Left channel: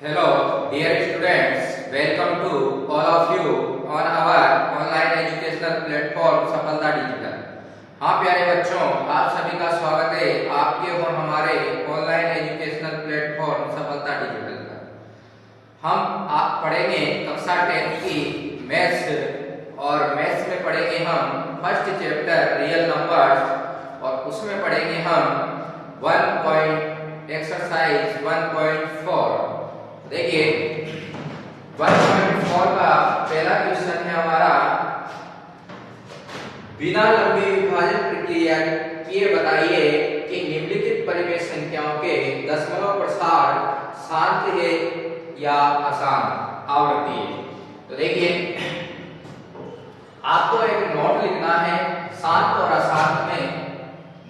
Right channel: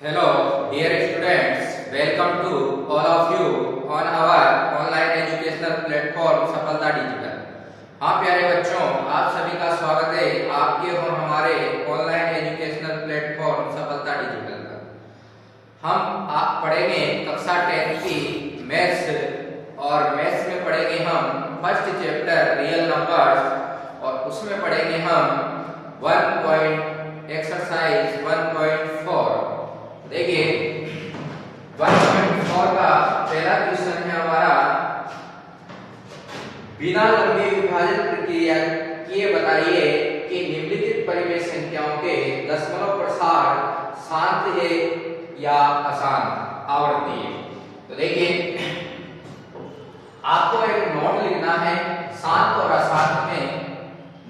Hello, dear students. Welcome to all of you on our online educational platform सफलता digital. हाँ प्यारे बच्चों, आप सभी का स्वागत है आपके और हमारे ऑनलाइन एजुकेशनल प्लेटफॉर्म सफलता डिजिटल पर। हम आप पढ़ेंगे कक्षा 10 की मैथ्स और मैथ्स में पढ़ेंगे हम फर्स्ट चैप्टर रियल नंबर्स और उसमें पढ़ेंगे हम एक्सरसाइज 1.4। देखिए 1.4 का पहला क्वेश्चन है हमारा, बिना लंबी विभाजन प्रक्रिया किए बताइए कि निम्नलिखित परिमेय संख्याओं के दशमलव प्रसार शांत है या अशांत आवृत्ति है। तो देखिए आपको एक नोट लिखना है शांत और अशांत में।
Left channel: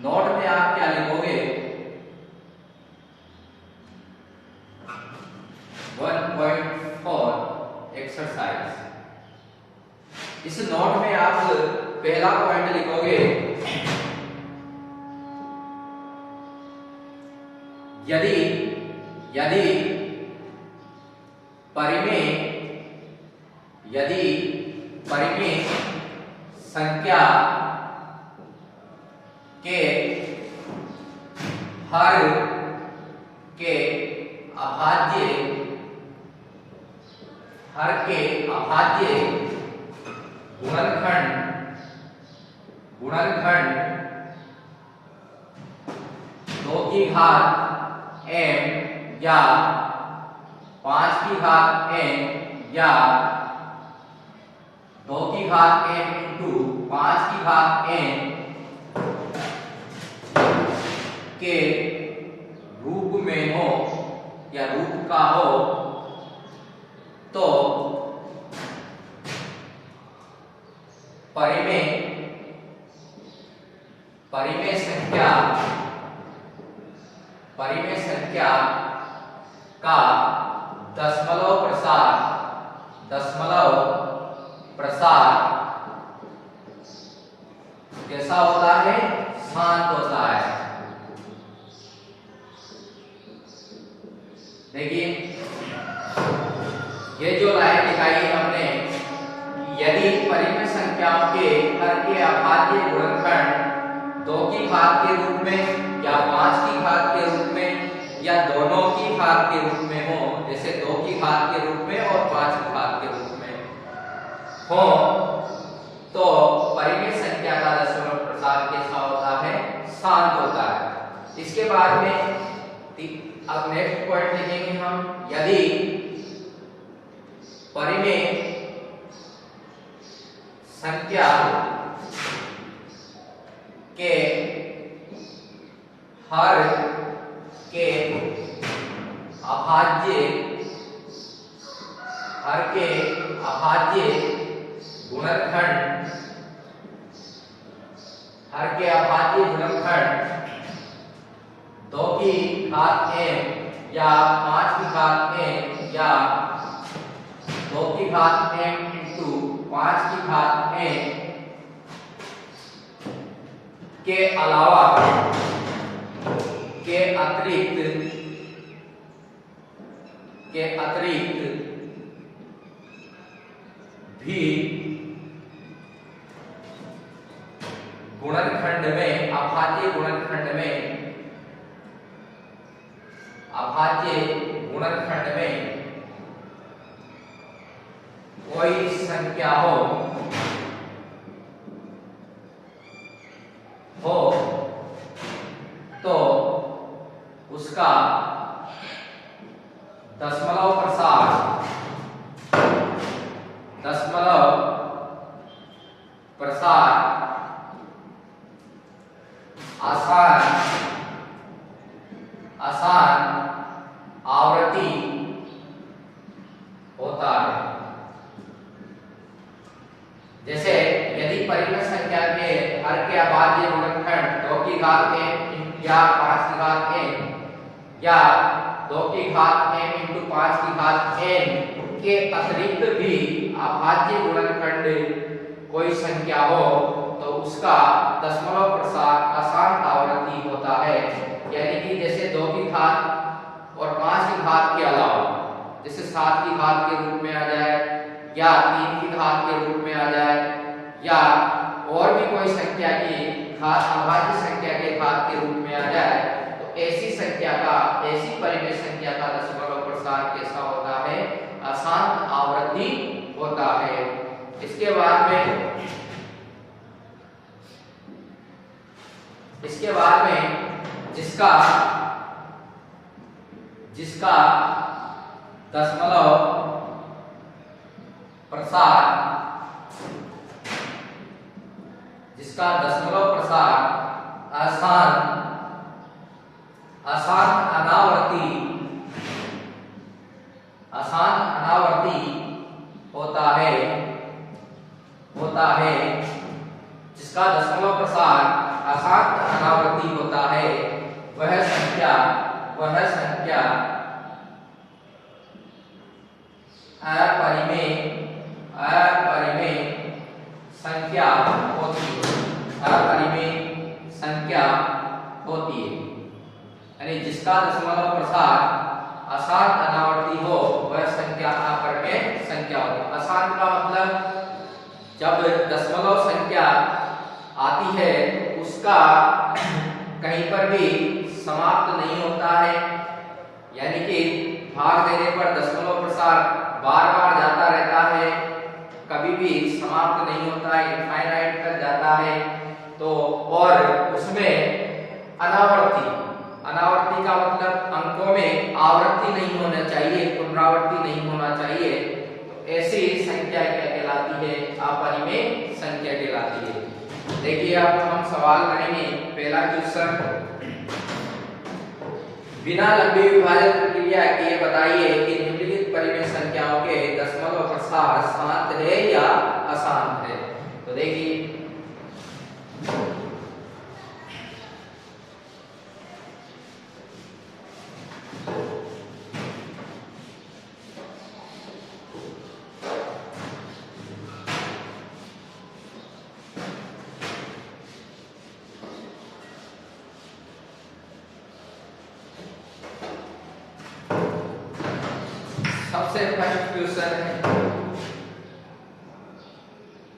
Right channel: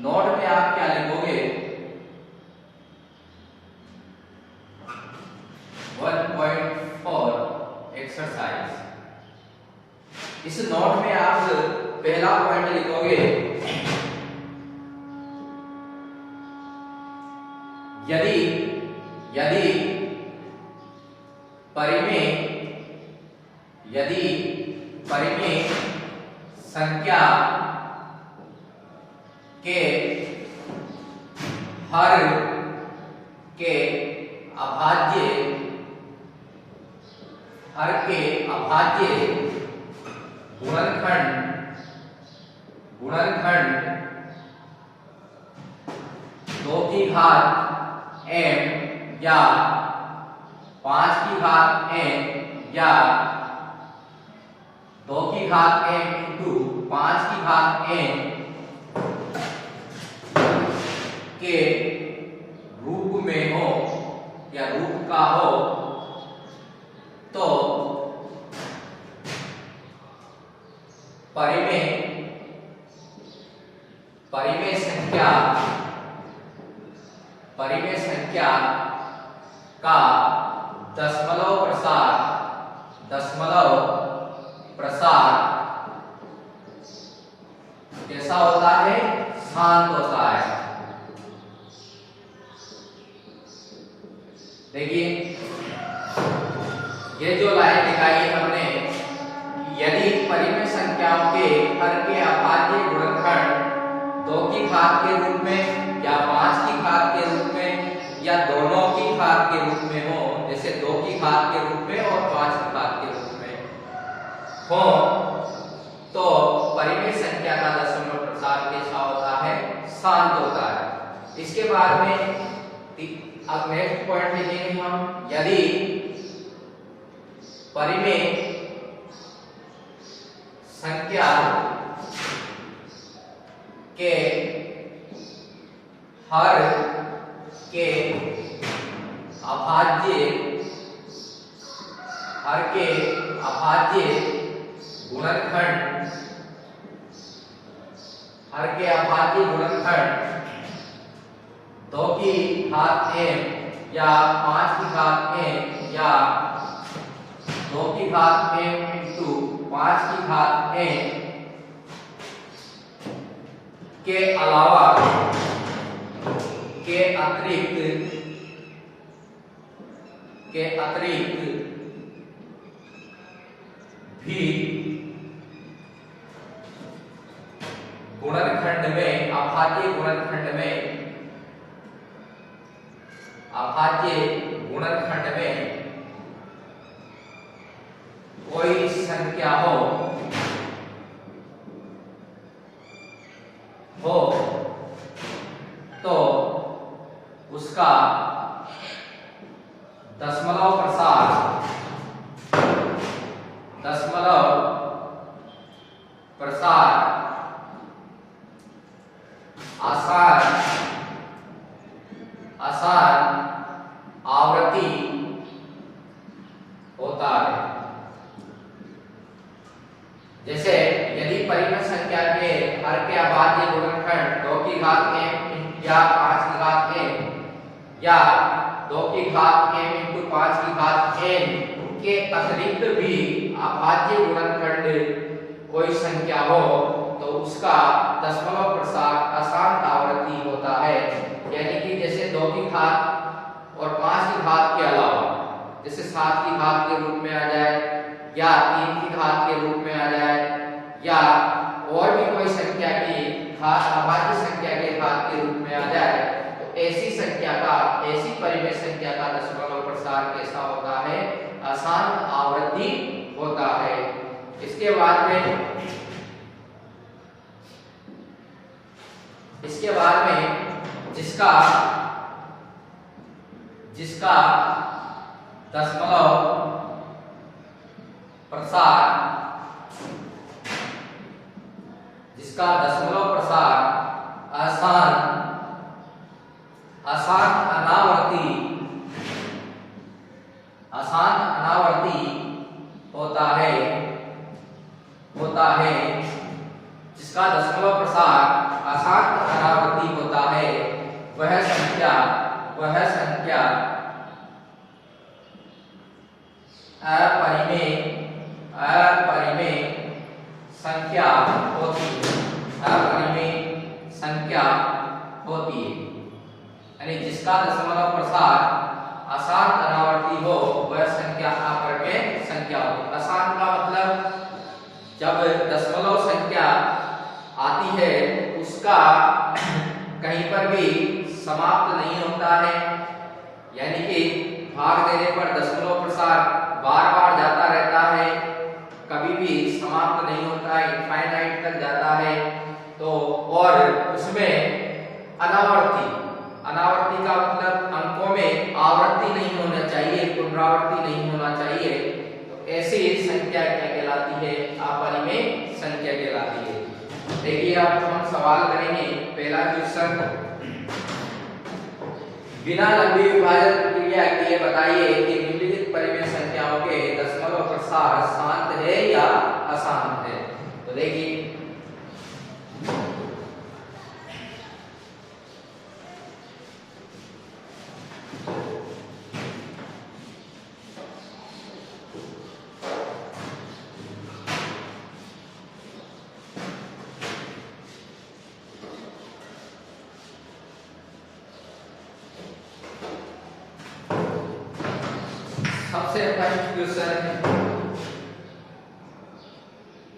नोट में आप क्या लिखोगे 1.4 एक्सरसाइज। इस नोट में आप पहला पॉइंट लिखोगे, यदि यदि परिमेय संख्या के हर के अभाज्य गुणनखंड 2 की घात n या 5 की घात n या 2 की घात n इंटू 5 की घात n के रूप में हो या रूप का हो तो परिमेय संख्या का दशमलव प्रसार कैसा होता है? शांत होता है। देखिए ये जो लाइन दिखाई है हमने, यदि परिमेय संख्याओं के हर के अभाज्य गुणनखंड 2 की घात के रूप में या 5 की घात के रूप में या दोनों की घात के रूप में हो, जैसे 2 की घात के रूप में और 5 की घात के रूप में हो, तो परिमेय संख्या का दशमलव प्रसार कैसा होता है? शांत होता है। इसके बाद में अब नेक्स्ट पॉइंट लिखेंगे हम, यदि परिमेय संख्या के हर के अभाज्य गुणनखंड 2 की घात n या 5 की घात n या 2 की घात n इंटू 5 की घात n के अलावा के अतिरिक्त भी गुणनखंड में अभाज्य गुणनखंड में कोई संख्या हो तो उसका दशमलव प्रसार आसान आवृत्ति होता है। जैसे यदि परिमेय संख्या के हर के अभाज्य गुणनखंड 2 की घात n या 5 की घात n या 2 की घात n इंटू 5 की घात n के अतिरिक्त भी अभाज्य गुणनखंड कोई संख्या हो तो उसका दशमलव प्रसार आसान आवृत्ति होता है। यानी कि जैसे 2 की घात और 5 की घात के अलावा जैसे 7 की घात के रूप में आ जाए या 3 की घात के रूप में आ जाए या और भी कोई संख्या की घात अभाज्य संख्या के घात के रूप में आ जाए, तो ऐसी संख्या का, ऐसी परिमेय संख्या का दशमलव प्रसार कैसा होता है? अशांत आवृत्ति होता है। इसके बाद में जिसका दशमलव प्रसार अशांत अनावर्ती होता है, जिसका दशमलव प्रसार अशांत अनावर्ती होता है, वह संख्या अपरिमेय संख्या होती है। यानी जिसका दशमलव प्रसार अशांत अनावर्ती हो वह संख्या अपरिमेय संख्या होती है। अशांत का मतलब जब दशमलव संख्या आती है उसका कहीं पर भी समाप्त नहीं होता है, यानी कि भाग देने पर दशमलव प्रसार बार बार जाता रहता है, कभी भी समाप्त नहीं होता है, इनफाइनाइट तक जाता है। तो और उसमें अनावर्ती का मतलब अंकों में आवृत्ति नहीं होना चाहिए, पुनरावृत्ति नहीं होना चाहिए। तो ऐसी संख्या क्या कहलाती है? अपरिमेय संख्या कहलाती है। देखिए अब हम सवाल करेंगे। पहला क्वेश्चन, बिना लंबी विभाजन प्रक्रिया किए बताइए कि निम्नलिखित परिमेय संख्याओं के दशमलव प्रसार शांत है या अशांत है। तो देखिए सबसे फर्स्ट क्वेश्चन है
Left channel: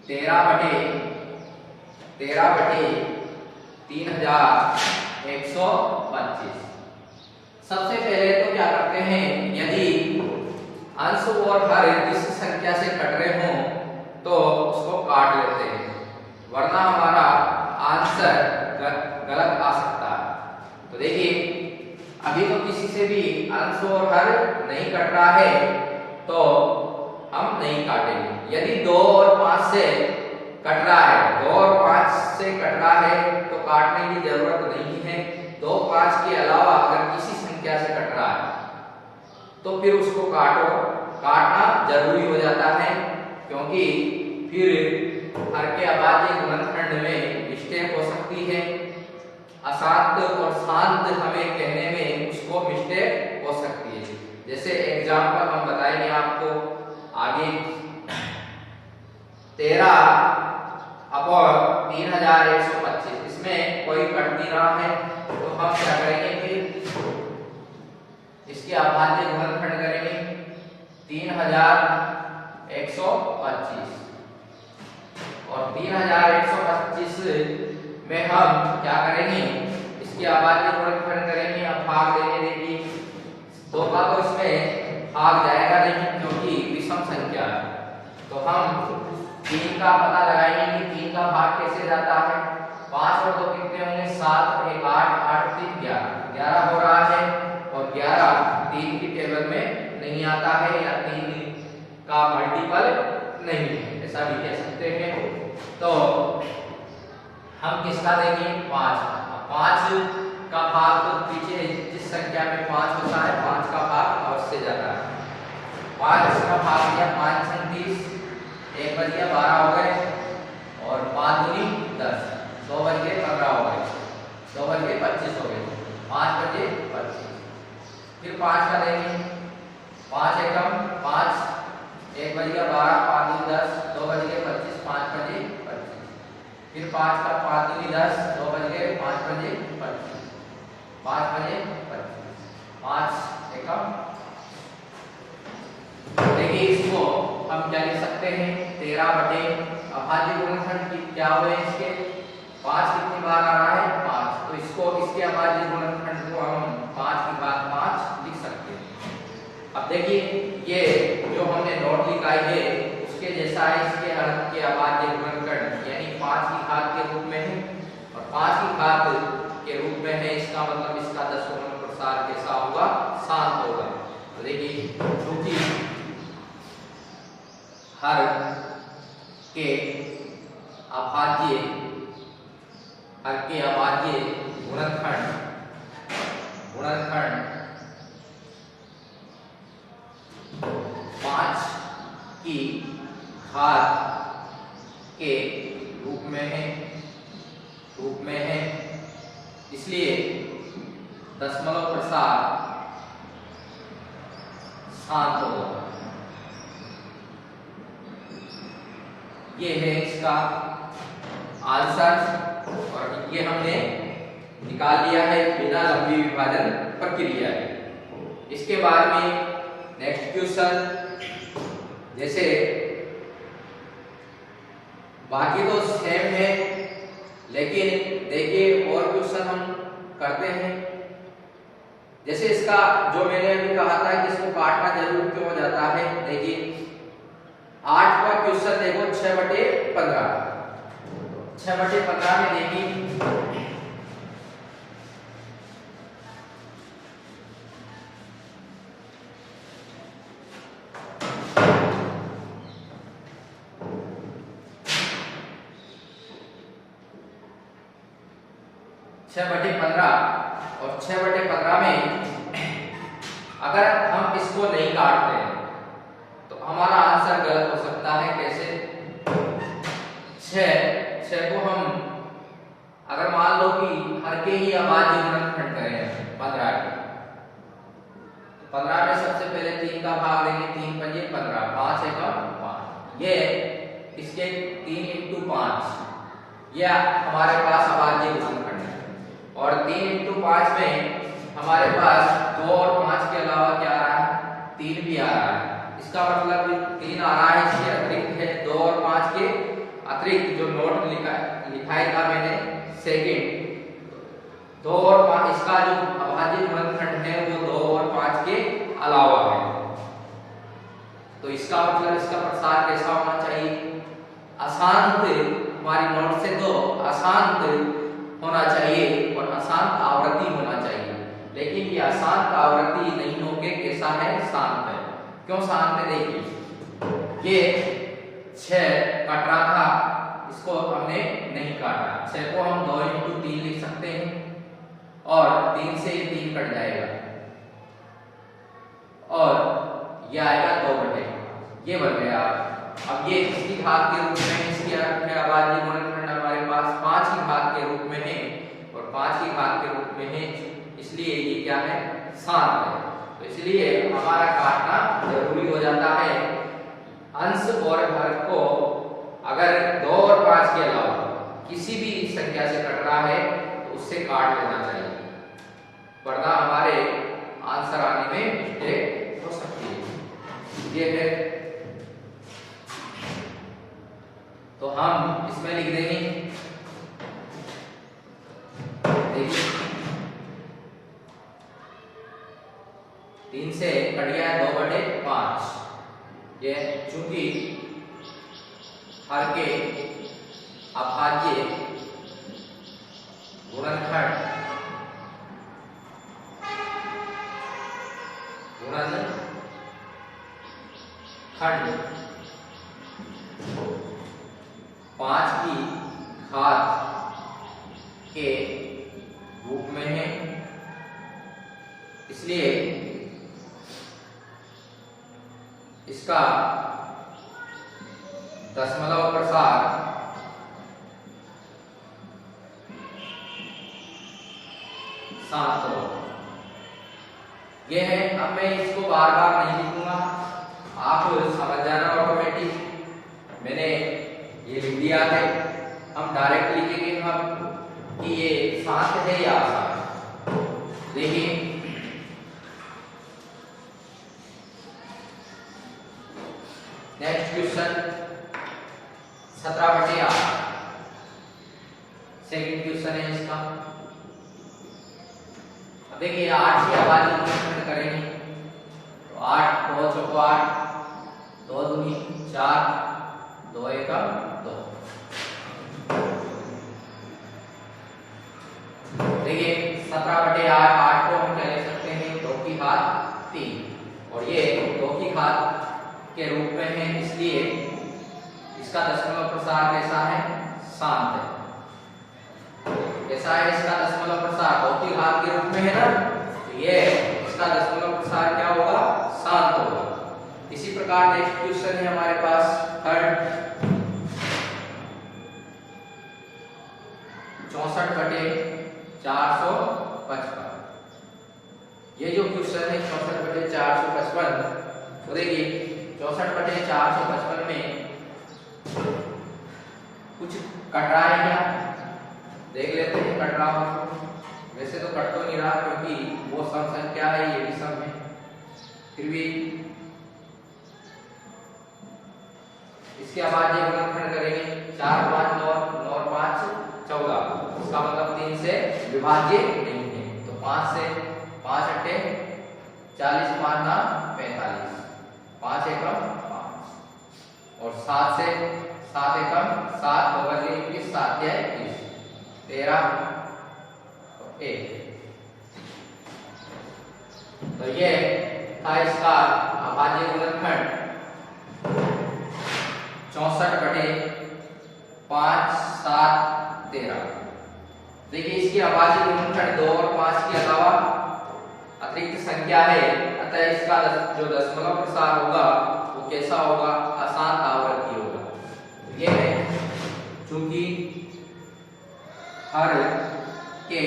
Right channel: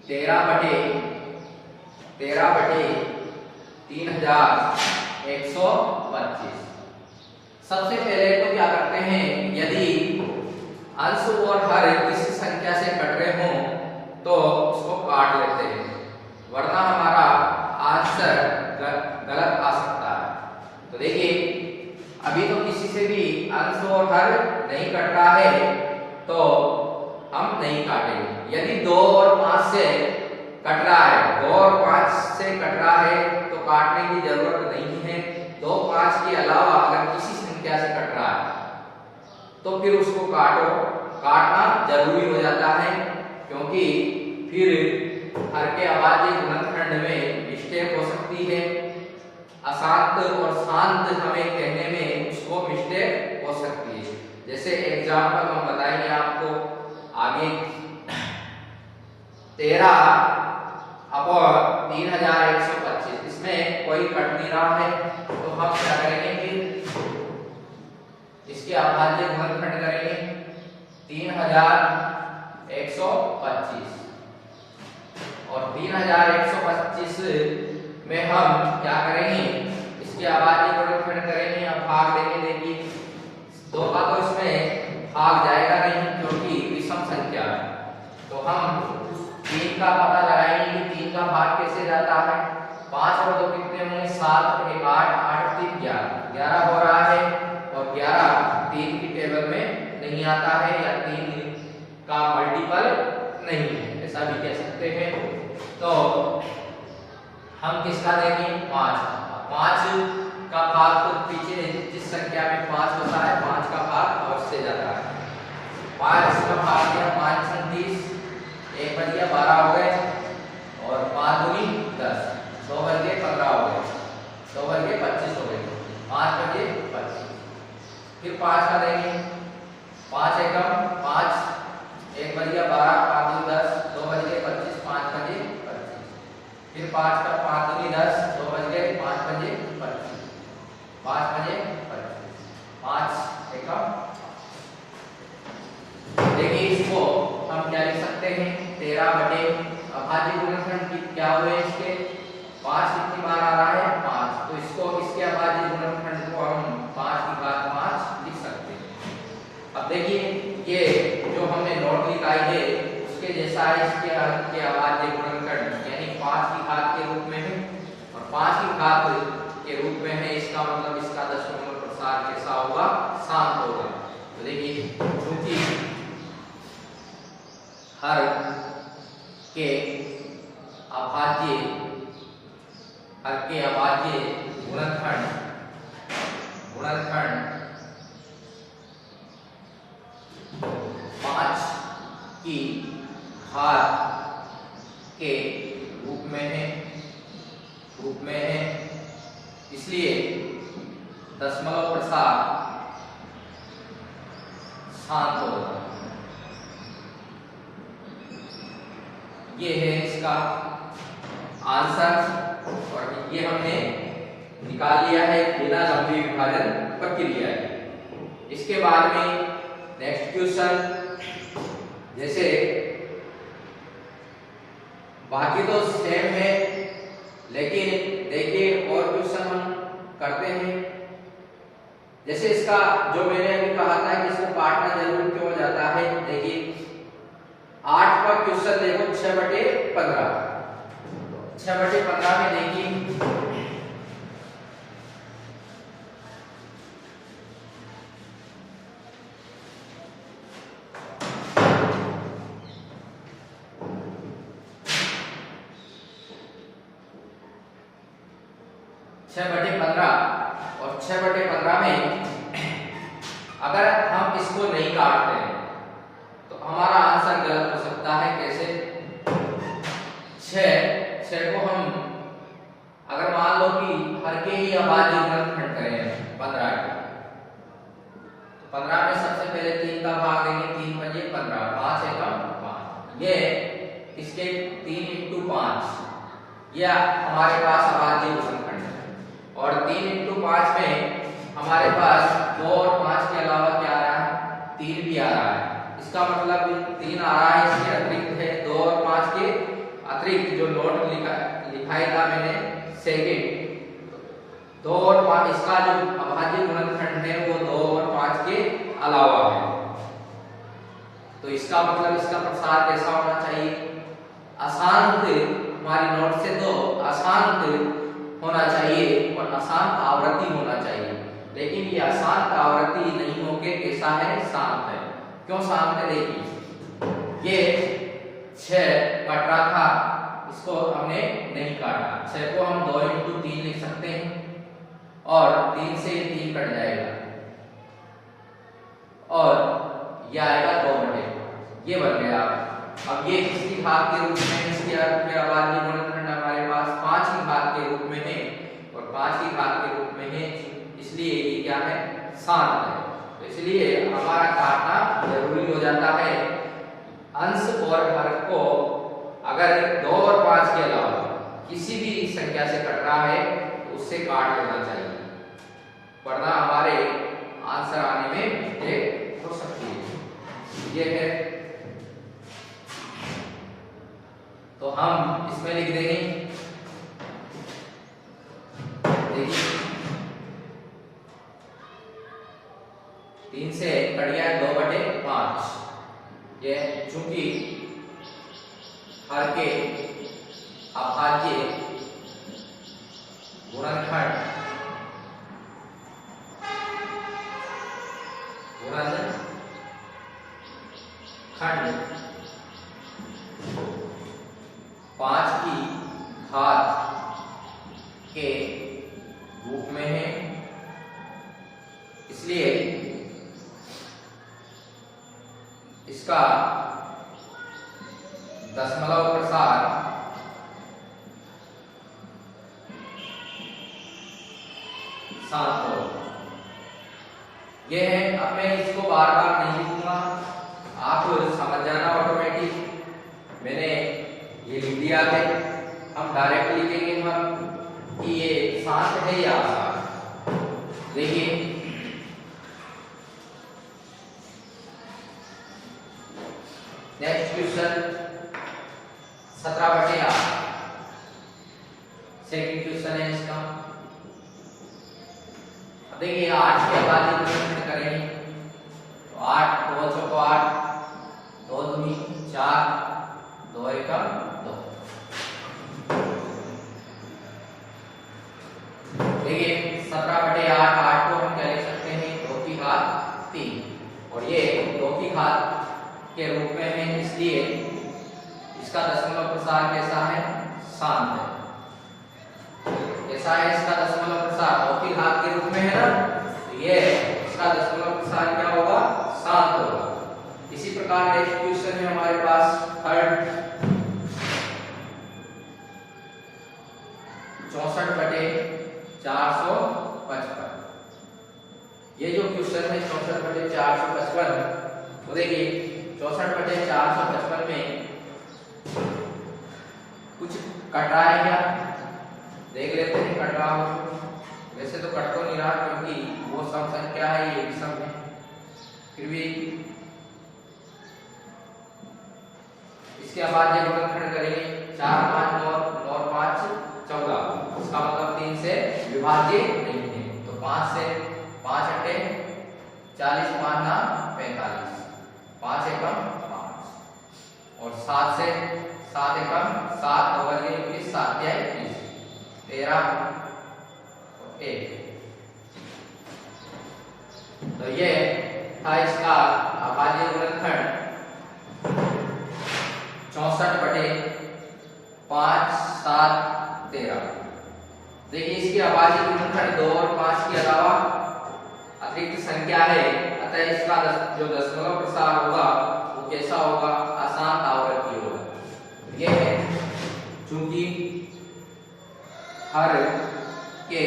13/3125। सबसे पहले तो क्या करते हैं, यदि अंश और हर किसी संख्या से कट रहे हों तो उसको काट लेते हैं, वरना हमारा आंसर गलत आ सकता है। तो देखिए अभी तो किसी से भी अंश और हर नहीं कट रहा है तो हम नहीं काटेंगे। यदि 2 और 5 से कट रहा है, 2 और 5 से कट रहा है तो काटने की जरूरत नहीं है। 2, 5 के अलावा अगर किसी संख्या से कट रहा है तो फिर उसको काटना जरूरी हो जाता है, क्योंकि फिर हर के अभाज्य गुणनखंड में मिस्टेक हो सकती है। अशांत और शांत हमें कहने में उसको मिस्टेक हो सकती है। जैसे एग्जांपल हम बताएंगे आपको आगे। 13/3125 इसमें कोई कट नहीं रहा है, तो हम क्या करेंगे, फिर इसके अभाज्य गुणनखंड करेंगे 3125 और 3125 में हम क्या करेंगे, इसके अभाज्य गुणनखंड करेंगे। अब भाग देंगे। देखिए 2 का तो इसमें भाग जाएगा नहीं क्योंकि विषम संख्या है, तो हम 3 का पता लगाएंगे कि 3 का भाग कैसे जाता है। 5 और 2 कितने होंगे, 7, 1, 8, 8, 3, 11 हो रहा है और 11 3 की टेबल में नहीं आता है या 3 का मल्टीपल नहीं है, ऐसा भी कह सकते हैं। तो हम किसका देंगे, 5 का भाग, तो पीछे जिस संख्या में 5 होता है 5 का भाग अवश्य जाता है। 5 का भाग दिया 5 × 30, 1 बच गया 12 हो गए और 5 दूनी 10, 2 बच गए 15 हो गए, 2 बच गए 25 हो गए, 5 बचे 25। फिर 5 का देंगे, 5 एकम 5, 1 बच गया 12, 5 दूनी 10, 2 बच गए 25, 5 बचे 25। फिर 5 का 5 दूनी 10, 2 बच गए 5 बचे 25, 5 बचे 25, 5 एकम 5, सकते हैं 13 बटे अभाज्य गुणनखंड की क्या हुए इसके 5 कितनी बार आ रहा है 5, तो इसको इसके अभाज्य गुणनखंड को हम 5 की घात 5 लिख सकते हैं। अब देखिए ये जो हमने नोट निकाली है उसके जैसा है, इसके हर के अभाज्य गुणनखंड यानी 5 की घात के रूप में है और 5 की घात के रूप में है, इसका मतलब इसका दशमलव प्रसार कैसा होगा शांत होगा। तो देखिए क्योंकि हर के अभाज्य गुणनखंड 5 की घात के रूप में है, इसलिए दशमलव प्रसार शांत होगा। ये है इसका आंसर और ये हमने निकाल लिया है बिना लंबी विभाजन प्रक्रिया के। इसके बाद में नेक्स्ट क्वेश्चन, जैसे बाकी तो सेम है लेकिन देखिए और क्वेश्चन हम करते हैं। जैसे इसका जो मैंने अभी कहा था कि इसको काटना जरूर क्यों हो जाता है, देखिए 8 का क्वेश्चन देखो 6/15, 6/15 में देखिए 6/15 और 6/15 में अगर हम इसको नहीं काटते हैं तो हमारा आंसर गलत हो सकता है। कैसे 6 को हम अगर मान लो कि हर के ही अभाज्य गुणनखंड करें 15 के, तो 15 में सबसे पहले 3 का भाग देंगे, 3 पंजे 15, 5 एकम 5, ये इसके 3 × 5 यह हमारे पास अभाज्य गुणनखंड है और 3 × 5 में हमारे पास 2 और 5 के अलावा क्या आ रहा है 3 भी आ रहा है। इसका मतलब 3 आ रहा है, इसके अतिरिक्त है 2 और 5 के अतिरिक्त जो नोट लिखाया था मैंने सेकंड 2 और 5, इसका जो अभाज्य गुणनखंड है वो 2 और 5 के अलावा है। तो इसका मतलब इसका प्रसार कैसा होना चाहिए, अशांत, हमारी नोट से तो अशांत होना चाहिए और अशांत आवृत्ति होना चाहिए, लेकिन ये अशांत आवृत्ति नहीं होके कैसा है शांत है। क्यों शांत है, देखिए ये 6 कट रहा था, इसको हमने नहीं काटा, 6 को हम 2 × 3 लिख सकते हैं और 3 से 3 कट जाएगा और ये आएगा 2/5, ये बन गया। अब ये किसकी घात के रूप में, इसकी अभाज्य गुणनखंड हमारे पास 5 की घात के रूप में है और 5 की घात के रूप में है, इसलिए ये क्या है शांत है। तो इसलिए हमारा काटना जरूरी हो जाता है। अंश और हर को अगर 2 और 5 के अलावा किसी भी संख्या से कट रहा है तो उससे काट लेना चाहिए, वरना हमारे आंसर आने में मिस्टेक हो सकती है। ये है, तो हम इसमें लिख देंगे, देखिए 3 से कट गया है 2/5, ये चूंकि हर के अभाज्य गुणनखंड खंड 5 की घात के रूप में है, इसलिए इसका दशमलव प्रसार शांत हो। यह है, अब मैं इसको बार बार नहीं लिखूंगा, आप समझ जाना ऑटोमेटिक। मैंने ये लिख दिया है, हम डायरेक्ट लिखेंगे हम कि ये शांत है या अशांत। देखिए नेक्स्ट क्वेश्चन 17/8 सेकंड क्वेश्चन है इसका। अब देखिए 8 की अभाज्य गुणनखंड करेंगे तो 8 2 चौको 8, 2 दूनी 4, 2 एकम 2। देखिए 17/8, 8 को हम क्या लिख सकते हैं 2 की घात 3 और ये 2 की घात के रूप में है, इसलिए इसका दशमलव प्रसार कैसा है, शांत है। कैसा है इसका दशमलव प्रसार, 2 की घात के रूप में है ना, तो ये इसका दशमलव प्रसार क्या होगा, शांत होगा। इसी प्रकार नेक्स्ट क्वेश्चन है हमारे पास थर्ड 64/455। ये जो क्वेश्चन है 64/455, वो देखिए 64/455 में कुछ कट रहा है क्या, देख लेते हैं कट रहा हो। वैसे तो कट तो नहीं रहा क्योंकि वो सम संख्या है, ये भी सम है, फिर भी इसके अभाज्य गुणनखंड करेंगे 4 5 9 9 5 14, इसका मतलब 3 से विभाज्य नहीं है, तो 5 से 5 अट्ठे 40, 5 ना 45, 5 एकम 5 और 7 से 7 एकम 7, 2 बजे 21, 7 या 21, 13 और 1। तो ये था इसका अभाज्य गुणनखंड 64/5 7 13। देखिए इसके अभाज्य गुणनखंड 2 और 5 के अलावा अतिरिक्त संख्या है, अतः इसका जो दशमलव प्रसार होगा वो कैसा होगा, अशांत आवर्ती होगा। ये है चूंकि हर के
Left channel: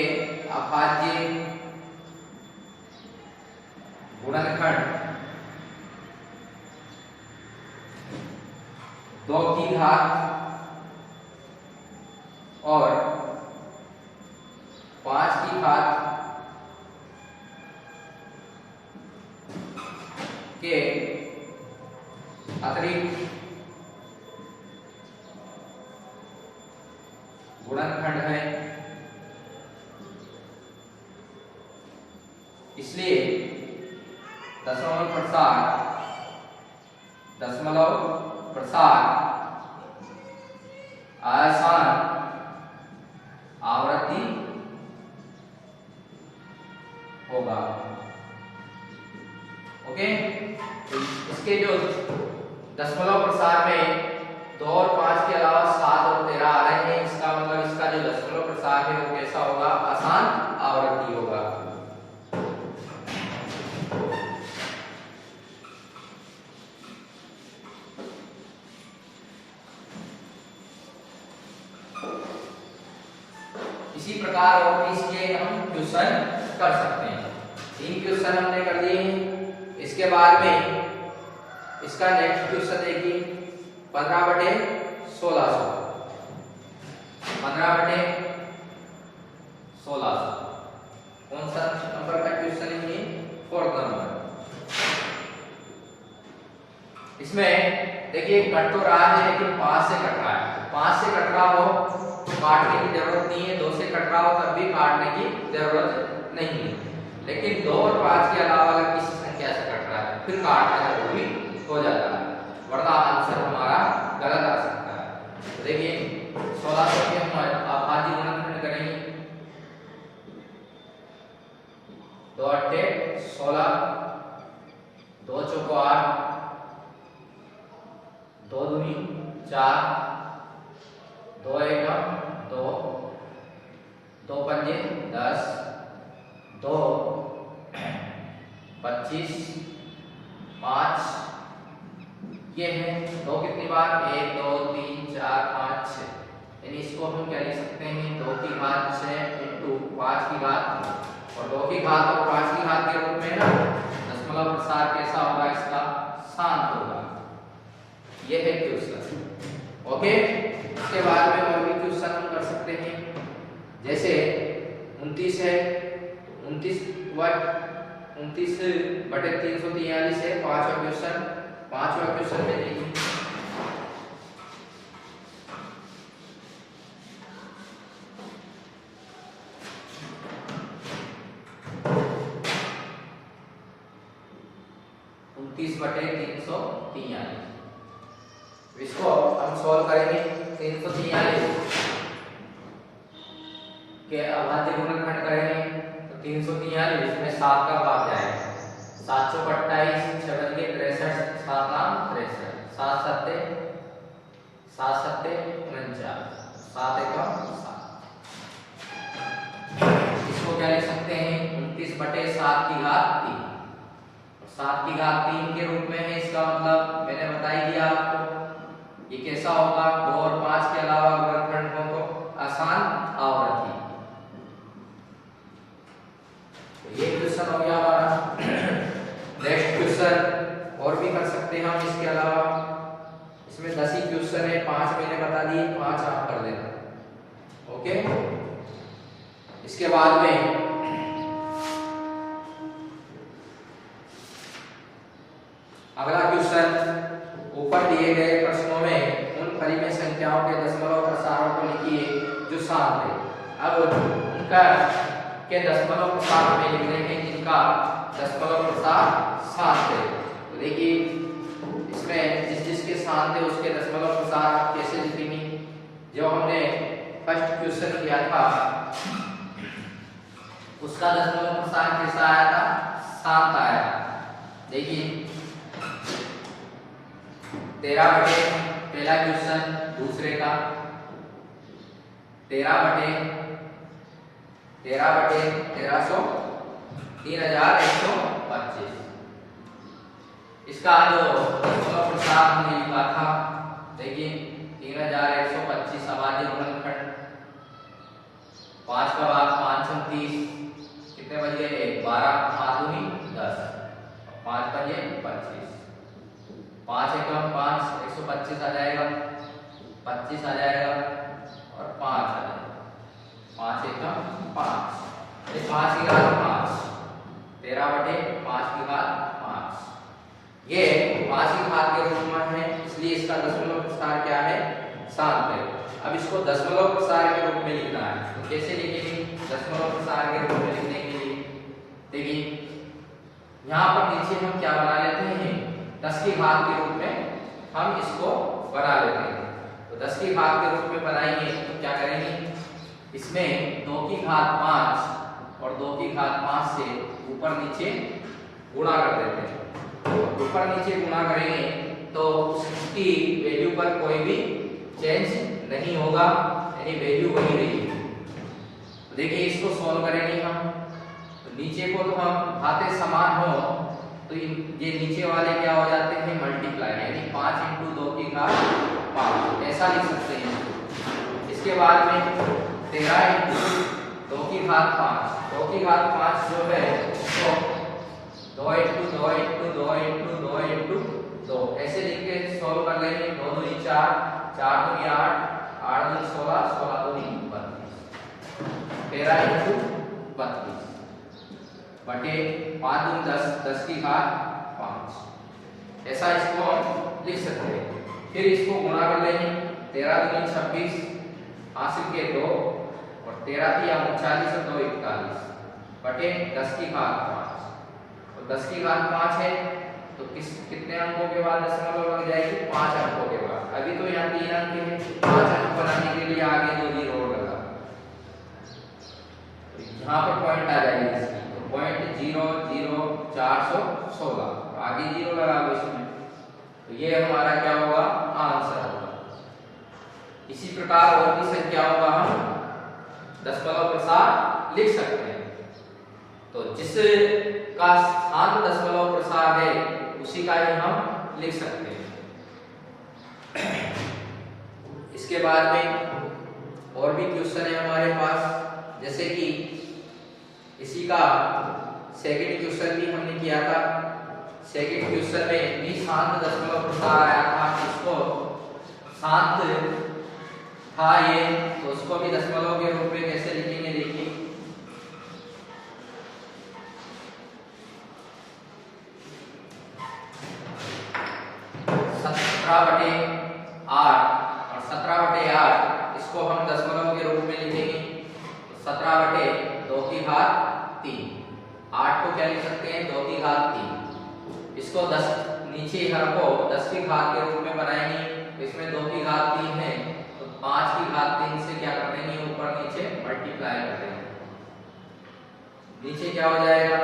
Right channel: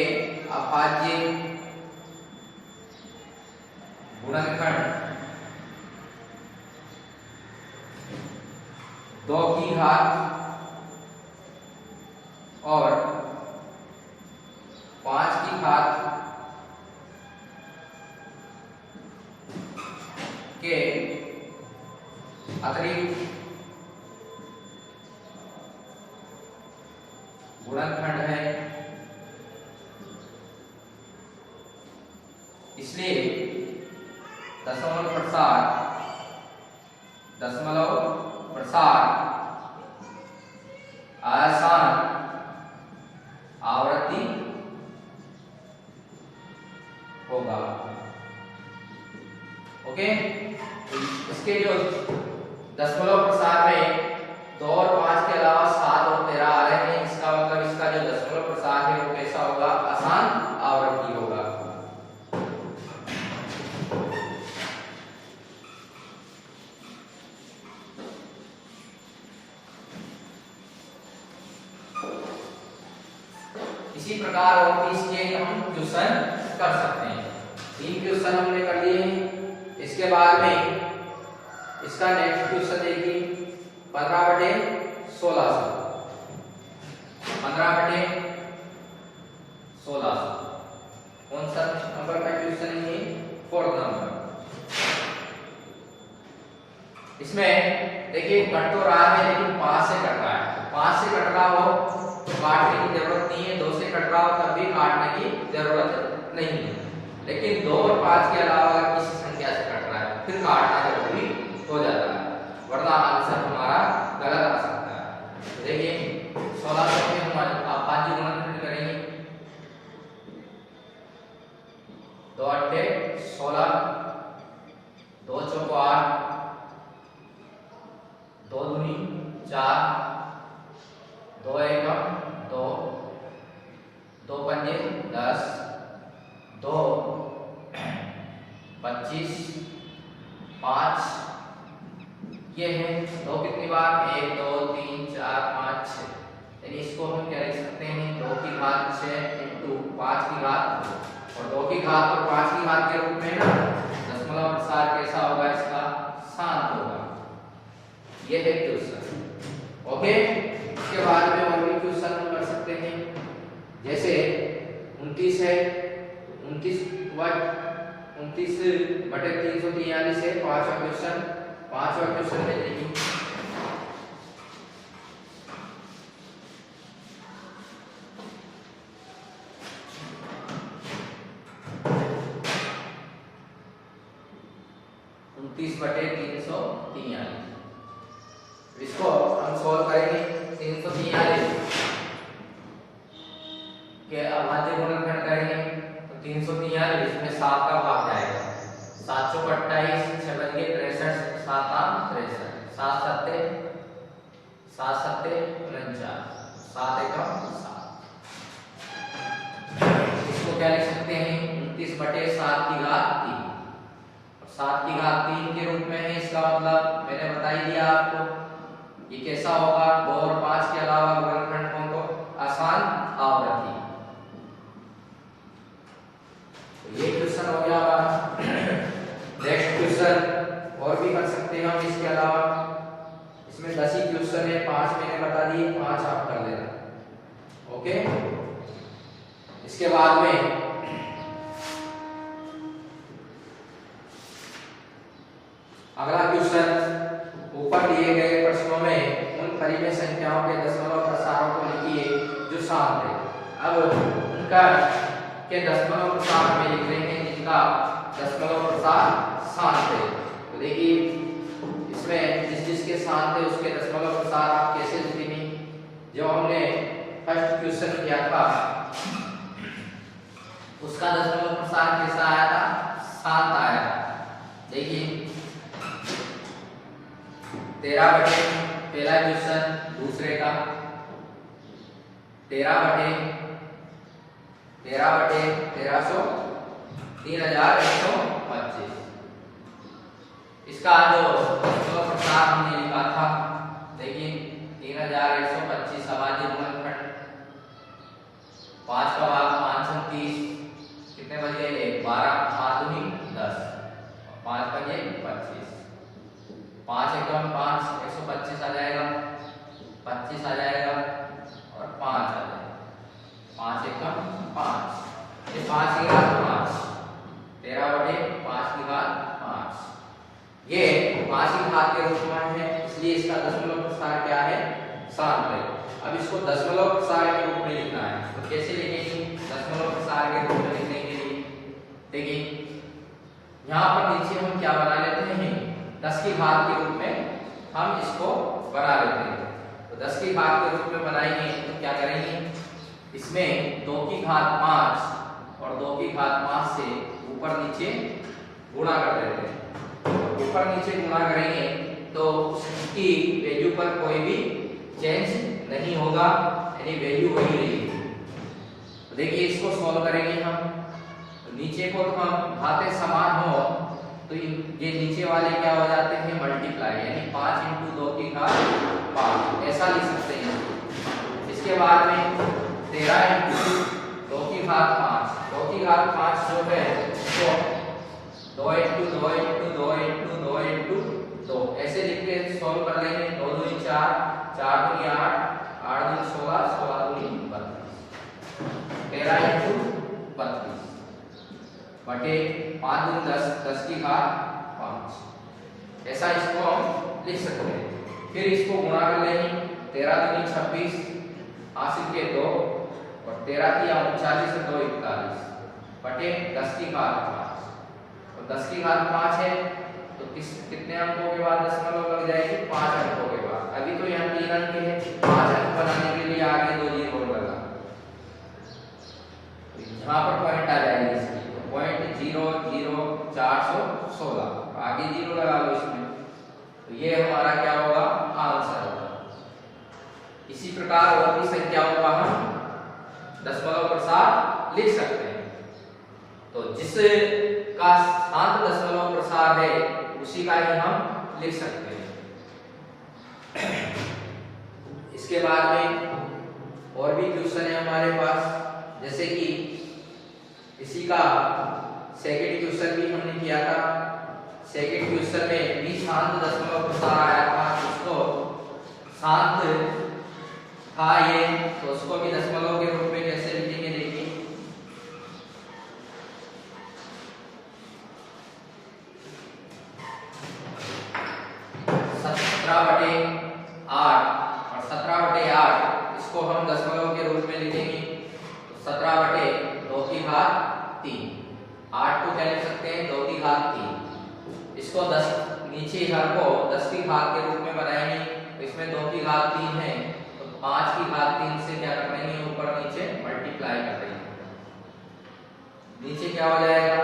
अभाज्य गुणनखंड 2 की घात और 5 की घात के अतिरिक्त गुणनखंड है, इसलिए दशमलव प्रसार आसान आवृत्ति होगा। ओके, तो इसके जो दशमलव प्रसार में 2 और 5 के अलावा 7 और 13 आ रहे हैं, इसका मतलब इसका जो दशमलव प्रसार है वो कैसा होगा, आसान आवृत्ति होगा। इसी प्रकार और भी इसके हम क्वेश्चन कर सकते हैं। 3 क्वेश्चन हमने कर दिए हैं। इसके बाद में इसका नेक्स्ट क्वेश्चन देखिए 15/1600। 15/1600 कौन सा नंबर का क्वेश्चन है, 4th नंबर। इसमें देखिए कट तो रहा है लेकिन 5 से कट रहा है, 5 से कट रहा हो तो काटने की जरूरत नहीं है, 2 से कट रहा हो तब भी काटने की जरूरत नहीं है, लेकिन 2 और 5 के अलावा अगर किसी संख्या से कट रहा है फिर काटना जरूरी हो जाता है, वरना आंसर हमारा गलत आ सकता है। तो देखिए 1600 के हम अभाज्य गुणनखंड करेंगे, 2 अट्ठे 16, 2 चौको 8, 2 दूनी 4, 2 एकम 2, 2 पंजे 10, 2 25, 5 ये है 2 कितनी बार, 1 2 3 4 5 6, यानी इसको हम क्या लिख सकते हैं, 2 की घात 6 इंटू 5 की घात, और 2 की घात और 5 की घात के रूप में ना दशमलव प्रसार कैसा होगा, इसका शांत होगा। ये है क्वेश्चन। ओके, इसके बाद में और भी क्वेश्चन हम कर सकते हैं, जैसे 29 है, 29/343 है 5वां क्वेश्चन, पांचवा क्वेश्चन में देखिए, उनतीस बटे 343। इसको हम सॉल्व करेंगे। 343 के अभाज्य गुणनखंड करेंगे तो 343 में 7 का भाग जाएगा। 728 6 बन गए 63, 7 8 63, 7 सत्ते 49, 7 एकम 7। इसको क्या लिख सकते हैं, 29 बटे 7 की घात 3। 7 की घात 3 के रूप में है, इसका मतलब मैंने बता ही दिया आपको। ये कैसा होगा, 2 और 5 के अलावा गुणनखंडों को आसान आवृत्ति। तो ये क्वेश्चन हो गया हमारा। नेक्स्ट क्वेश्चन और भी कर सकते हैं हम इसके अलावा। इसमें 10 ही क्वेश्चन है, 5 मैंने बता दिए, 5 आप कर लेना। ओके, इसके बाद में अगला क्वेश्चन, ऊपर दिए गए प्रश्नों में उन परिमेय संख्याओं के दशमलव प्रसारों को लिखिए जो शांत है। अब उनका के दशमलव प्रसार में लिख देंगे जिनका दशमलव प्रसार शांत है। तो देखिए इसमें जिसके शांत है उसके दशमलव प्रसार आप कैसे लिखेंगे। जो हमने फर्स्ट क्वेश्चन किया था उसका दशमलव प्रसार कैसा आया था, शांत आया। देखिए 13 बटे पहला क्वेश्चन, दूसरे का 13 बटे 1300 3125। इसका जो दशमलव प्रसार हमने लिखा था, देखिए 3125 अभाज्य गुणनखंड, 5 का भाग 530, कितने बज गए 12, 5 दूनी 10, 5 बजे 25, 5 एकम 5 125 आ जाएगा, 25 आ जाएगा और 5 आ जाएगा, 5 एकम 5, ये 5 की घात 5, 13 बटे 5 की घात 5, ये 5 की घात के रूप में है, इसलिए इसका दशमलव प्रसार क्या है, शांत है। अब इसको दशमलव प्रसार के रूप में लिखना है, तो कैसे लिखेंगे दशमलव प्रसार के रूप में लिखने के लिए। देखिए यहाँ पर नीचे हम क्या बना लेते हैं, 10 की घात के रूप में हम इसको बना लेते हैं। तो 10 की घात के रूप में बनाएंगे तो क्या करेंगे, इसमें 2 की घात 5 और 2 की घात 5 से ऊपर नीचे गुणा कर देते हैं। तो ऊपर नीचे गुणा करेंगे तो उसकी वैल्यू पर कोई भी चेंज नहीं होगा, यानी वैल्यू वही रहेगी। तो देखिए इसको सॉल्व करेंगे हम, तो नीचे को तो हम घातें समान हो तो ये नीचे वाले क्या हो जाते हैं, मल्टीप्लाई, यानी 5 × 2 की घात 5, ऐसा लिख सकते हैं। इसके बाद में 13 × 2 की घात 5, 2 की घात 5 जो है उसको 2 × 2 × 2 × 2 × 2 ऐसे लिख के सॉल्व कर लेंगे। 2 दूनी 4, 4 दूनी 8, 8 दूनी 16, 16 दूनी 32, 13 × 32 बटे 5 दूनी 10, 10 की घात 5, ऐसा इसको हम लिख सकते हैं। फिर इसको गुणा कर लेंगे, 13 दूनी 26, हासिल के 2 और 13 की 39 और 2 41 बटे 10 की घात 5, और 10 की घात 5 है तो कितने अंकों के बाद दशमलव लग जाएगी, 5 अंकों के बाद। अभी तो यहाँ 3 अंक है, 5 अंक बनाने के लिए आगे 2 जीरो लगा, यहाँ पर पॉइंट आ जाएगी इसकी, तो पॉइंट 0 0 416, आगे 0 लगा लो इसमें, तो ये हमारा क्या होगा, आंसर होगा। इसी प्रकार और भी संख्याओं का हम दशमलव प्रसार लिख सकते हैं। तो जिसका शांत दशमलव प्रसार है उसी का ही हम लिख सकते हैं। इसके बाद में और भी क्वेश्चन है हमारे पास, जैसे कि इसी का सेकंड क्वेश्चन भी हमने किया था। सेकंड क्वेश्चन में भी शांत दशमलव प्रसार आया था, जिसको शांत था ये, तो उसको भी दशमलव के रूप में कैसे लिखेंगे देखिए। 17/8 और 17/8 इसको हम दशमलव के रूप में लिखेंगे। तो 17/2/3। 8 को क्या लिख सकते हैं? 2/3। इसको 10 नीचे हर को 10 की घात के रूप में बनाएंगे। तो इसमें 2/3 है, तो 5/3 से क्या कर देंगे? ऊपर नीचे मल्टीप्लाई कर देंगे। नीचे क्या हो जाएगा?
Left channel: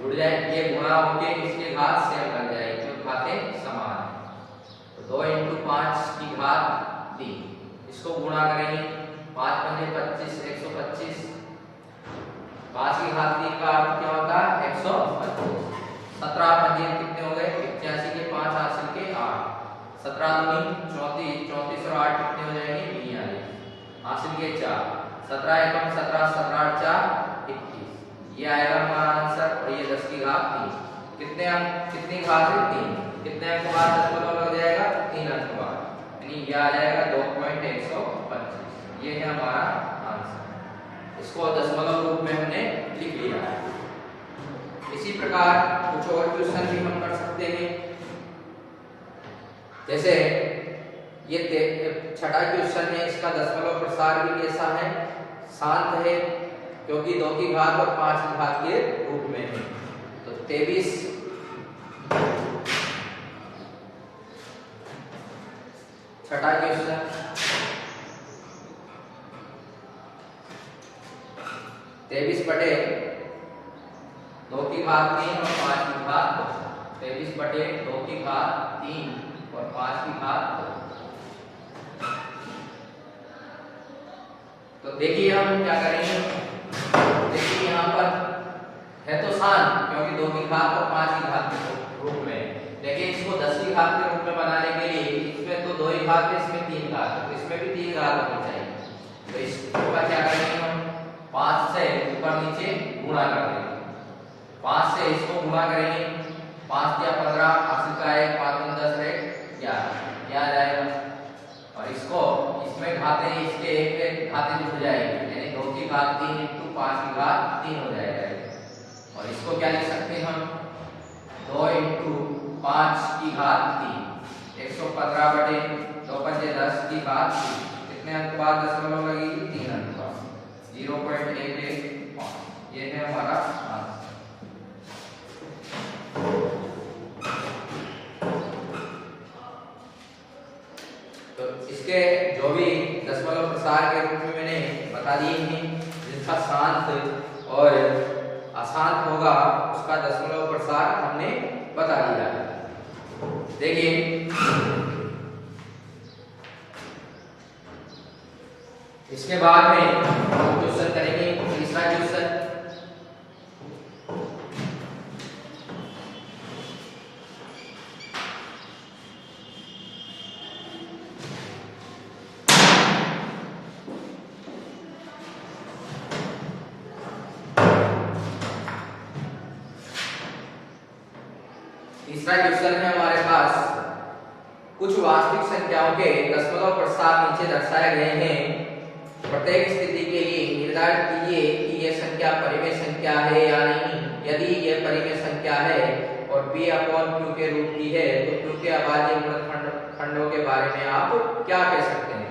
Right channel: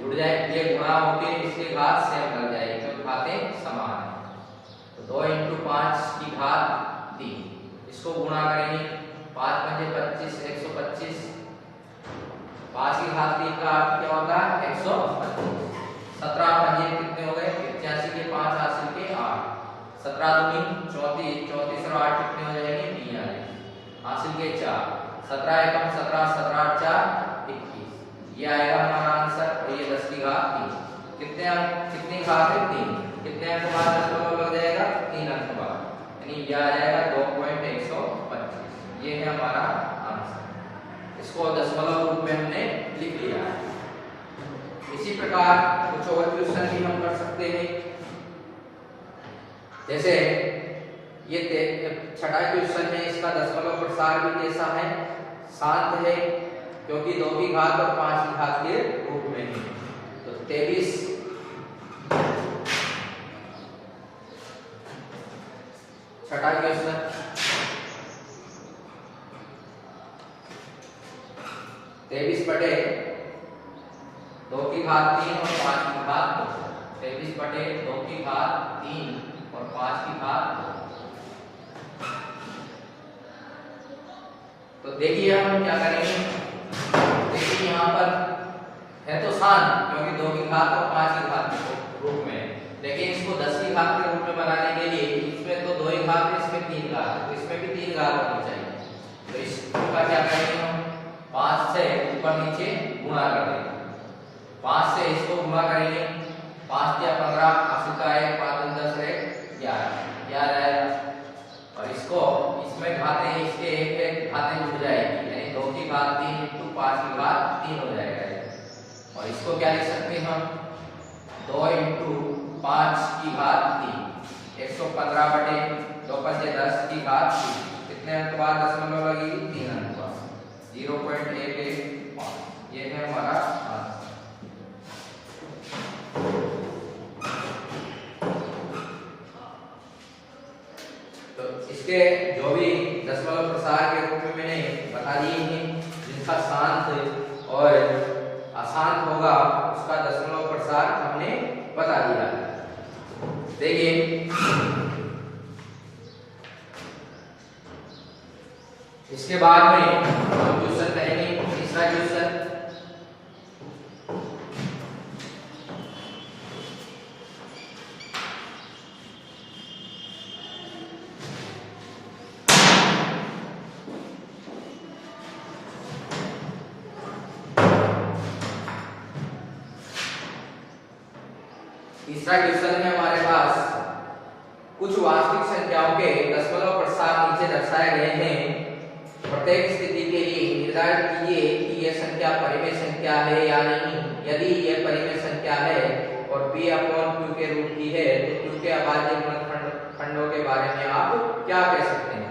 जुड़ जाए, ये गुणा होके इसके घात सेम कर जाएगी क्योंकि घातें समान है। तो 2 × 5/3 इसको गुणा करेंगे। 5 × 5 = 25, 125। 5/3 का अर्थ क्या होता है? 125। 17 × 5 कितने हो गए? 85 के 5 हासिल के 8। 17 दूनी 34, 34 और 8 कितने हो जाएंगे? 42 हासिल के 4। 17 एकम 17, 17 8 4 21। ये आएगा हमारा आंसर। और ये 10/3 कितने अंक, कितनी घात है? 3। कितने अंक बाद दशमलव लग जाएगा? 3 अंक बाद, यानी ये आ जाएगा 2.125। ये है हमारा आंसर। इसको दशमलव रूप में हमने लिख लिया है। इसी प्रकार कुछ और क्वेश्चन भी हम कर सकते हैं। जैसे ये छठा क्वेश्चन है, इसका दशमलव प्रसार भी कैसा है? शांत है, क्योंकि 2/5 और 5/5 के रूप में है। तो 23 छठा क्वेश्चन, 23/2/3 और 5/2। 23/2/3 और 5/2। तो देखिए हम क्या करेंगे। देखिए यहाँ पर है तो शांत, क्योंकि 2/5 और 5/5 के रूप में। देखिए इसको 10/5 के रूप में बनाने के लिए इसमें तो 2 घात है, इसमें 3 घात है, तो इसमें भी 3 घात होनी चाहिए। तो इसका क्या करेंगे हम? 5 से ऊपर नीचे गुणा कर देंगे। 5 से इसको गुणा करेंगे। 5 या 15 हासिल का 1, 5 × 10 है 11। क्या आ जाएगा? और इसको इसमें घातें, इसके एक में घातें जुड़ जाएगी, यानी 2/3 × 5/3 हो जाएगा। और इसको क्या लिख सकते हैं हम? 2 × 5/3 115/2 × 10/3। कितने अंक बाद दशमलव लगेगी? 3 अंक बाद, 0.115। ये है हमारा आंसर। तो इसके जो भी दशमलव प्रसार के रूप में मैंने बता दिए हैं, जिनका शांत और अशांत होगा उसका दशमलव प्रसार हमने बता दिया। देखिए इसके बाद में हम क्वेश्चन करेंगे। तीसरा क्वेश्चन, तीसरा क्वेश्चन है हमारे पास, कुछ वास्तविक संख्याओं के दशमलव प्रसार नीचे दर्शाए गए हैं। प्रत्येक स्थिति के लिए निर्धारित कीजिए कि यह संख्या परिमेय संख्या है या नहीं। यदि यह परिमेय संख्या है और p/q के रूप की है, तो q के अभाज्य गुणनखंडों के बारे में आप क्या कह सकते हैं?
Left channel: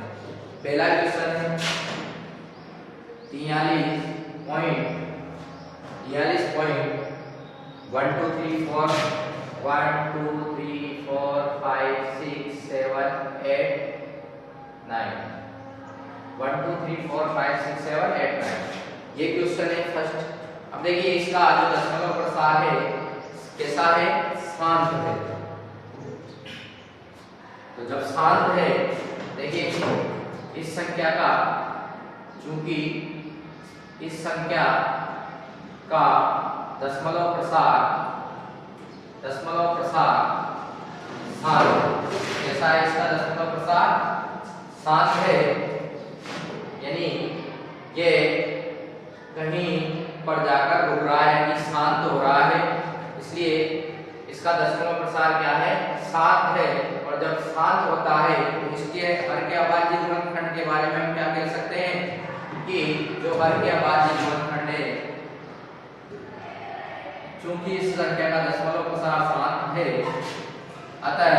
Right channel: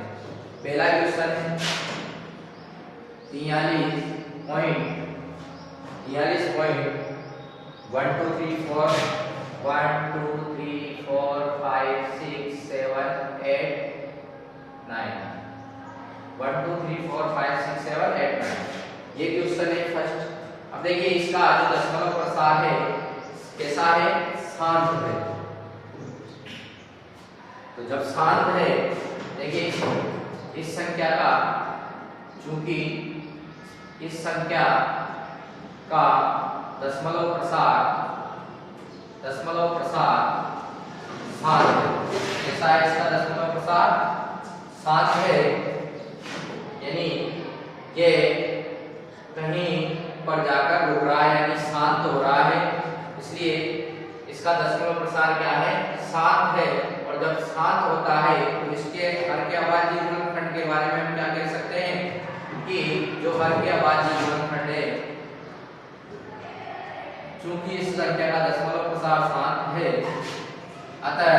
पहला क्वेश्चन है 43.1 2 3 4 1 2 3 4 5 6 7 8 9 1 2 3 4 5 6 7 8 9। ये क्वेश्चन है फर्स्ट। अब देखिए इसका जो दशमलव प्रसार है कैसा है? शांत है। तो जब शांत है, देखिए इस संख्या का, चूंकि इस संख्या का दशमलव प्रसार शांत कैसा है? इसका दशमलव प्रसार शांत है, यानी ये कहीं पर जाकर रुक रहा है, यानी शांत हो रहा है। इसलिए इसका दशमलव प्रसार क्या है? शांत है। और जब शांत होता है तो इसके हर के अभाज्य गुणनखंड के बारे में हम क्या कह सकते हैं? कि जो हर के अभाज्य गुणनखंड है, चूंकि इस संख्या का दशमलव प्रसार शांत है, अतः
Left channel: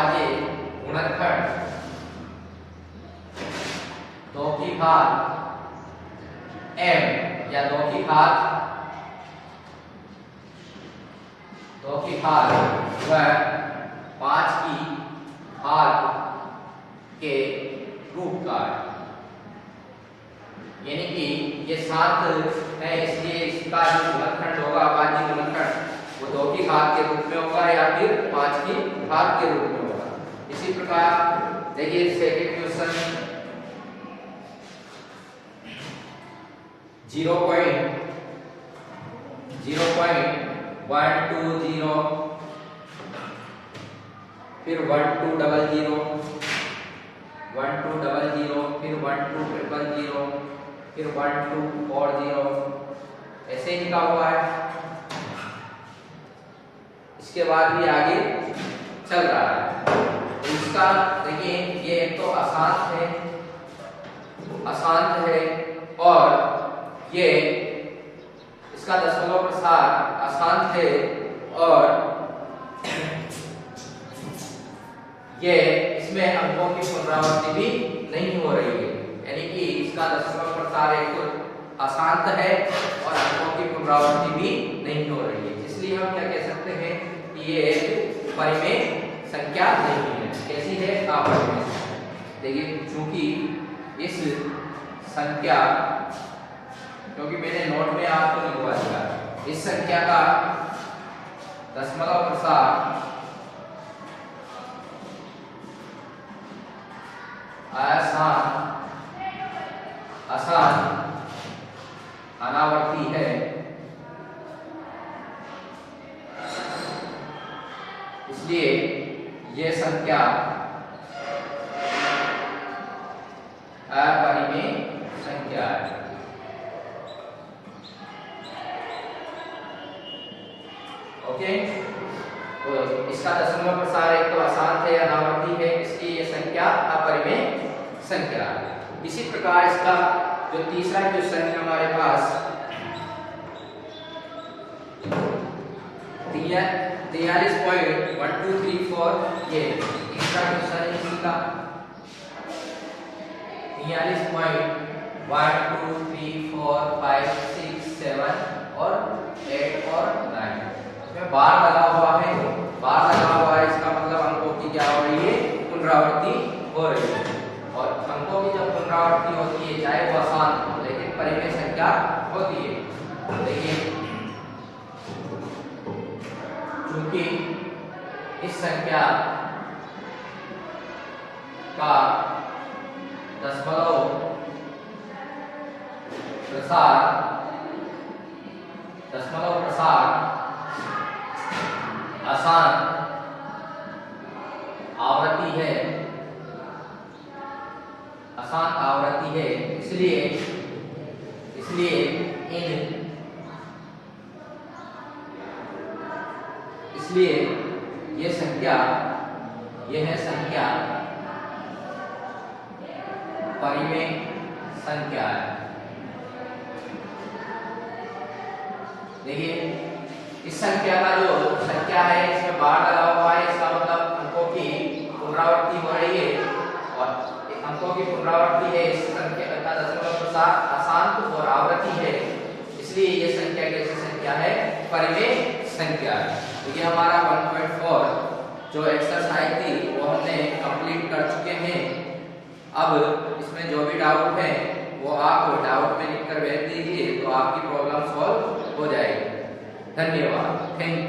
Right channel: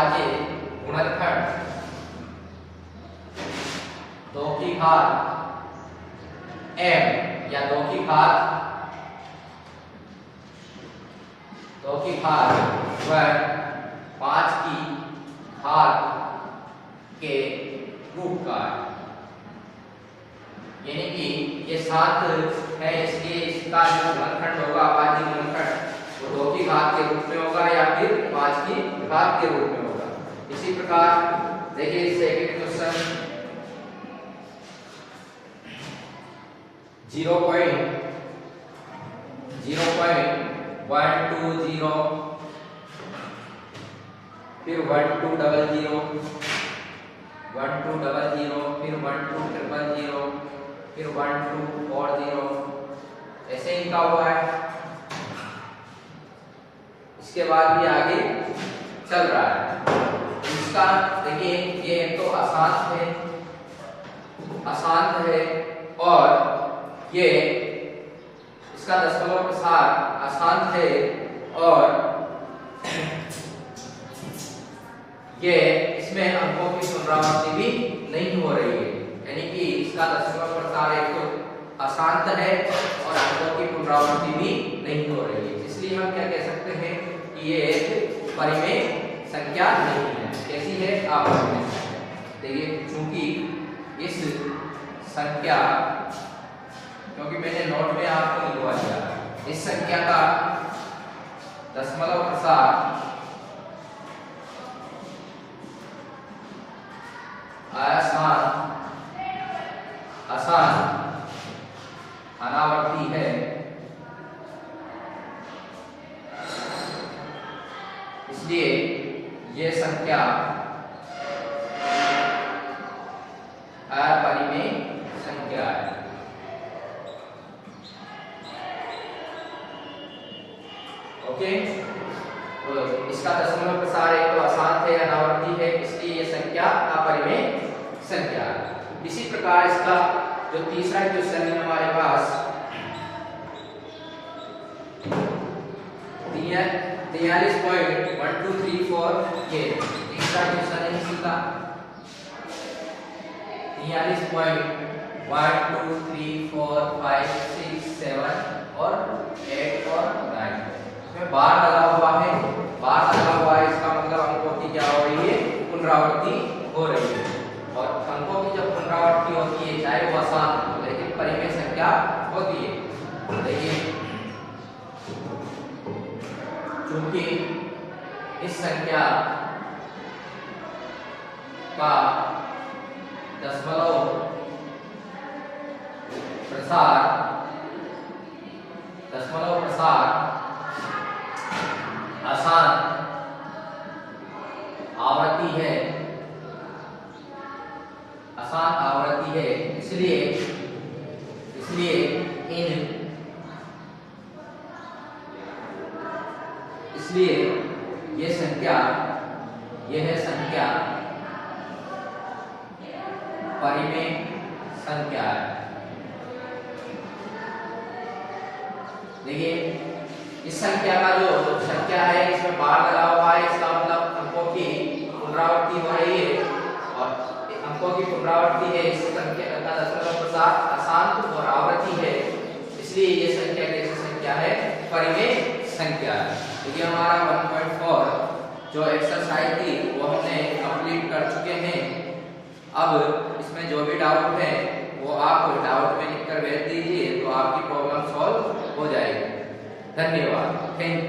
अभाज्य गुणनखंड 2 की घात m या 2 की घात 5 की घात के रूप का है। यानी कि ये 7 है, इसलिए इसका जो गुणनखंड होगा अभाज्य गुणनखंड वो 2 की घात के रूप में होगा या फिर 5 की घात के रूप में होगा। इसी प्रकार देखिए सेकंड क्वेश्चन 0.120 फिर 1200 फिर 1200 फिर 1240 ऐसे ही लिखा हुआ है। इसके बाद भी आगे चल रहा है। इसका देखिए ये एक तो अशांत है और ये इसका दशमलव प्रसार अशांत है और ये इसमें अंकों की पुनरावृत्ति भी नहीं हो रही है। यानी कि इसका दशमलव प्रसार एक तो अशांत है और अंकों की पुनरावृत्ति भी नहीं हो रही है। इसलिए हम क्या कह सकते हैं कि ये एक परिमेय संख्या नहीं है। कैसी है? अपरिमेय। देखिए चूंकि इस संख्या, क्योंकि मैंने नोट में आपको लिखवा दिया, इस संख्या का दशमलव प्रसार आसान अनावर्ती है, इसलिए ये संख्या अपरिमेय संख्या है। ओके, तो इसका दशमलव प्रसार एक तो अशांत है, अनावर्ती है, इसलिए ये संख्या अपरिमेय संख्या है। इसी प्रकार इसका जो तीसरा क्वेश्चन है हमारे पास 43.1234, ये तीसरा क्वेश्चन है इसी का 43.123456 और 8 और 9 इसमें बार लगा हुआ है। इसका मतलब अंकों की क्या हो रही है? पुनरावृत्ति हो रही है। और अंकों की जब पुनरावृत्ति होती है, चाहे वो आसान हो लेकिन परिमेय संख्या होती है। देखिए चूंकि इस संख्या का दशमलव प्रसार आसान आवृत्ति है, इसलिए यह संख्या परिमेय संख्या है। देखिए इस संख्या का जो संख्या है इसमें बार लगा हुआ है, इसका मतलब अंकों की पुनरावृत्ति हो रही है और अंकों की पुनरावृत्ति है। इस संख्या का दशमलव प्रसार अशांत और आवृत्ति है, इसलिए ये संख्या कैसी संख्या है? परिमेय संख्या है। तो ये हमारा 1.4 जो एक्सरसाइज थी वो हमने कंप्लीट कर चुके हैं। अब इसमें जो भी डाउट है वो आप डाउट में लिखकर भेज दीजिए, तो आपकी प्रॉब्लम सॉल्व हो जाएगी। धन्यवाद। Thank you.